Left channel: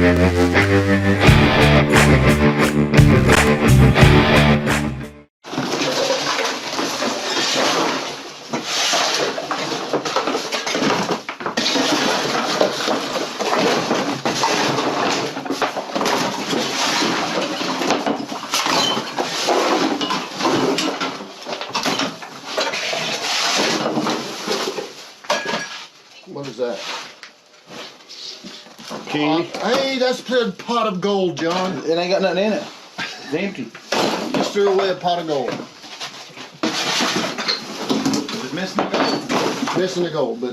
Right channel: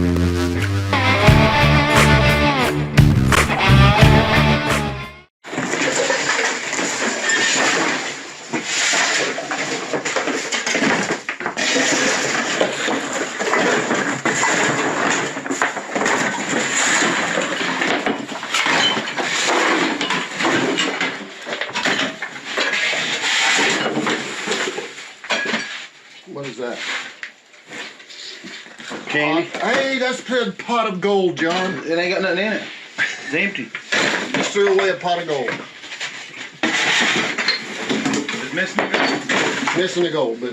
What is that? Candy. Hey, that's a pot of gold, John. It ain't got nothing in it. It's empty. Just threw away a pot of gold. It's missing the gold. Missing the gold, but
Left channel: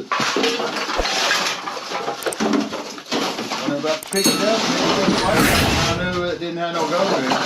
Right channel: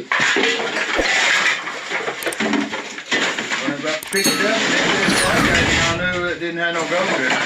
When I got picked it up, and I knew it didn't have no gold in it.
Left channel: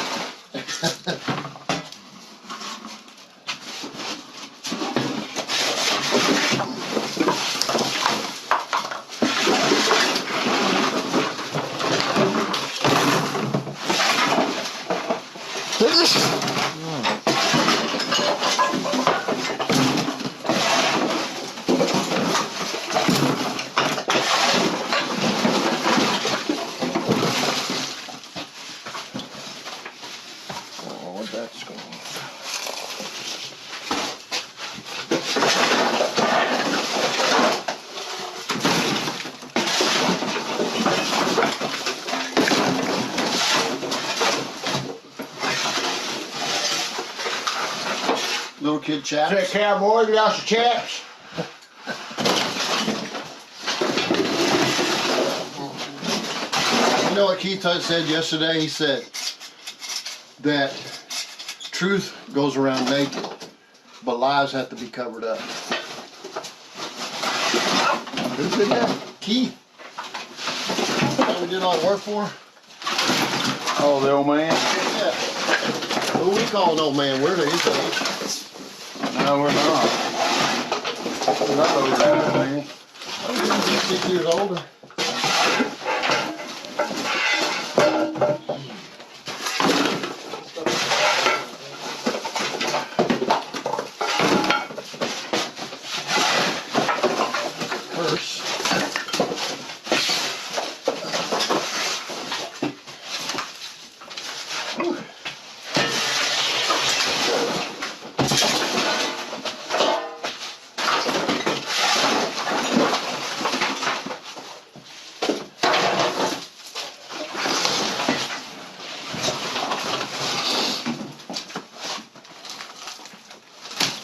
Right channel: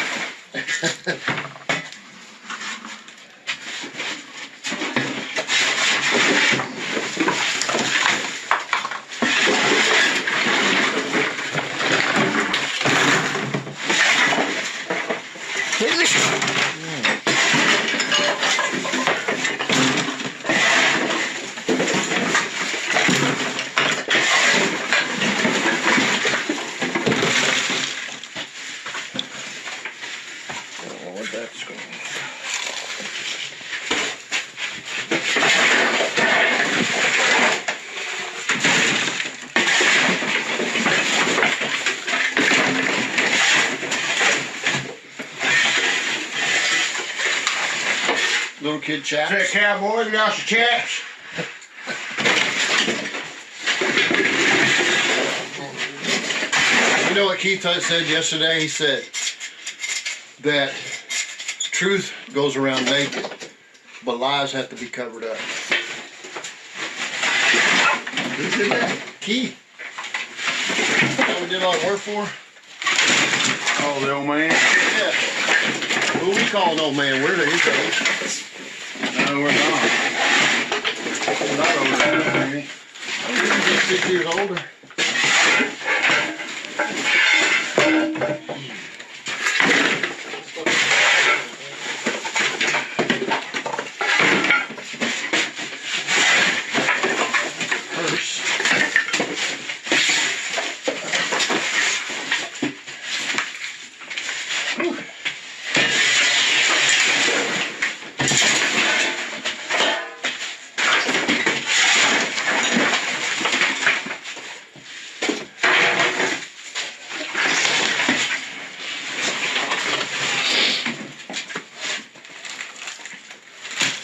That's going. little kid chaps. Say, cowboy, we got some chaps. You know what Keith said yesterday? He said that truth goes around naked, but lies have to be covered up. Who said that? Keith. That we did all the work for? Oh, the old man? Yeah. Who we call an old man? We're the his No, we're not. He's 6 years older.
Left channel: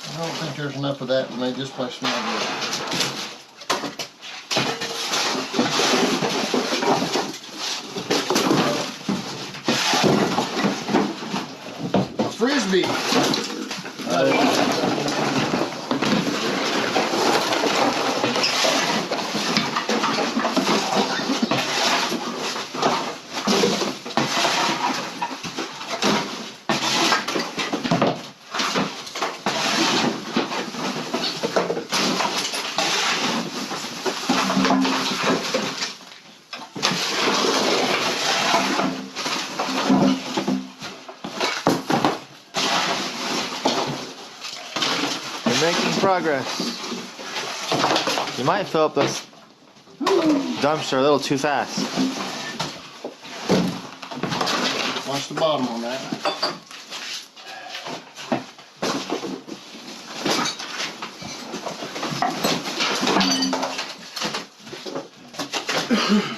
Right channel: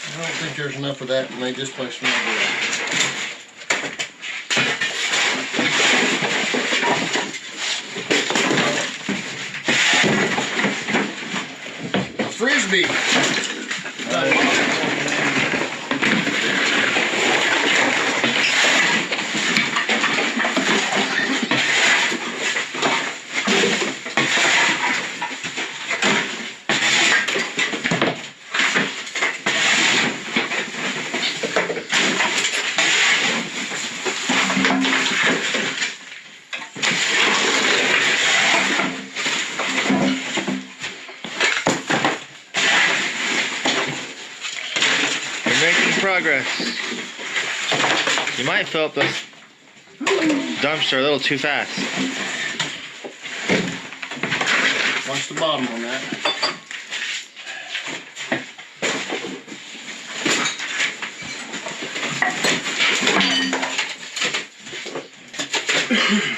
I don't think there's enough of that to make this place smell good. A frisbee. Making progress. You might fill up this dumpster a little too fast. Watch the bottom on that.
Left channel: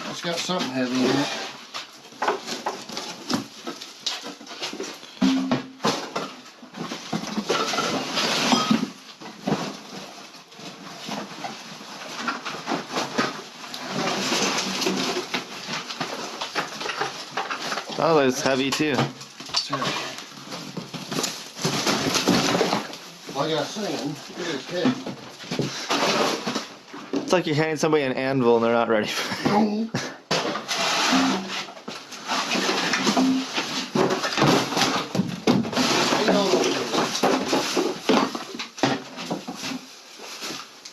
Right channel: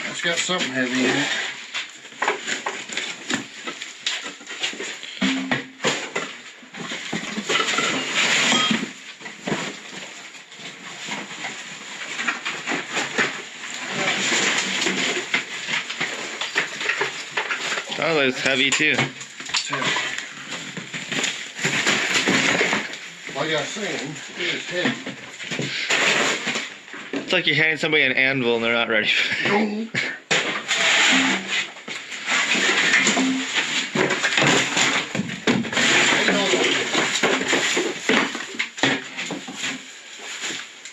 It's got something heavy in it. Oh, it's heavy too. Like I was saying, it is heavy. It's like you're handing somebody an anvil and they're not ready.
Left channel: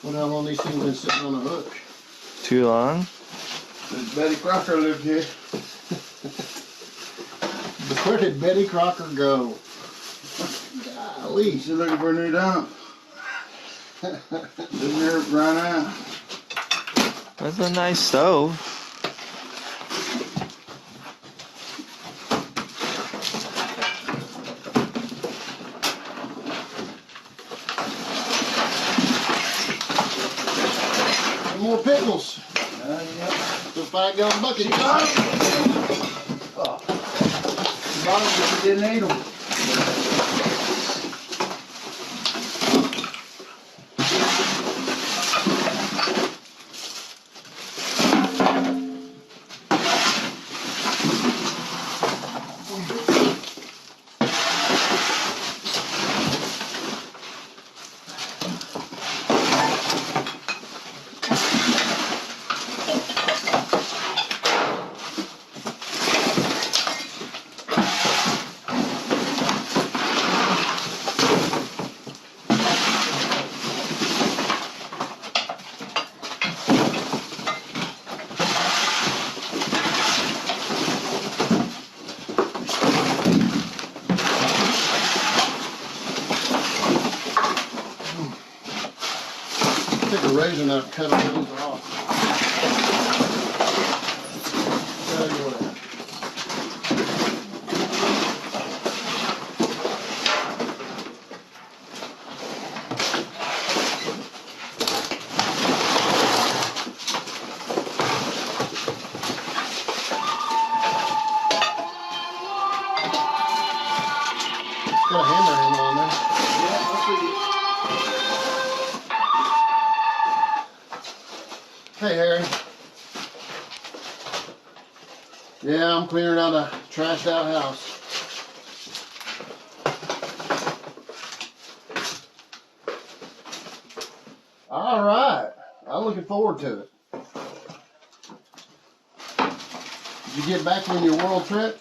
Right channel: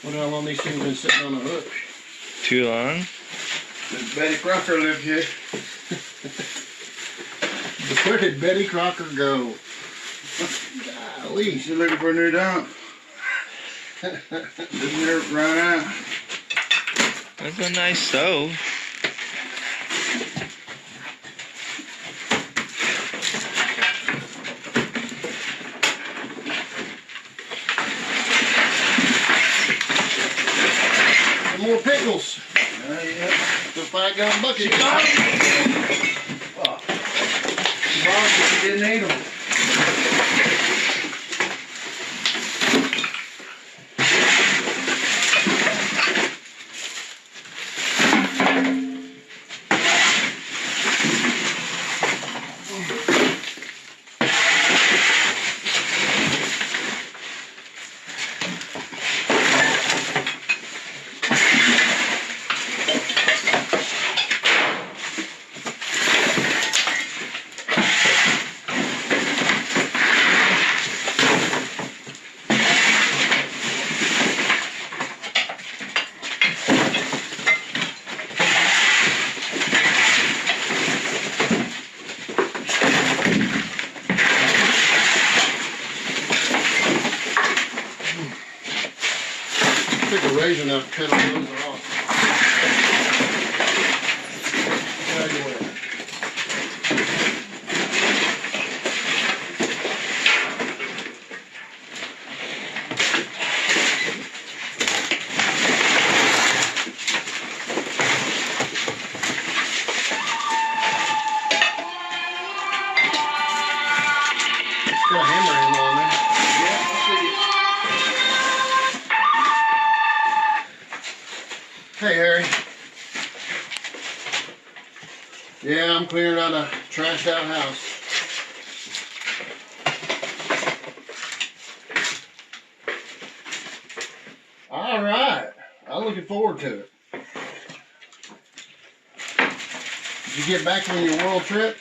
Wonder how long these things been sitting on the hook. Too long? Does Betty Crocker live here? Where did Betty Crocker go? Golly. She's looking for a new dump. Didn't there run out? That's a nice stove. 5-gallon bucket. She got them. Oh. She bought them, but she didn't eat them. Took a razor and I cut all those off. Get out of your way. Got a hammer handle on there. Yeah, I see it. Hey, Harry. Yeah, I'm clearing out a trashed out house. All right. I'm looking forward to it. Did you get back from your world trip?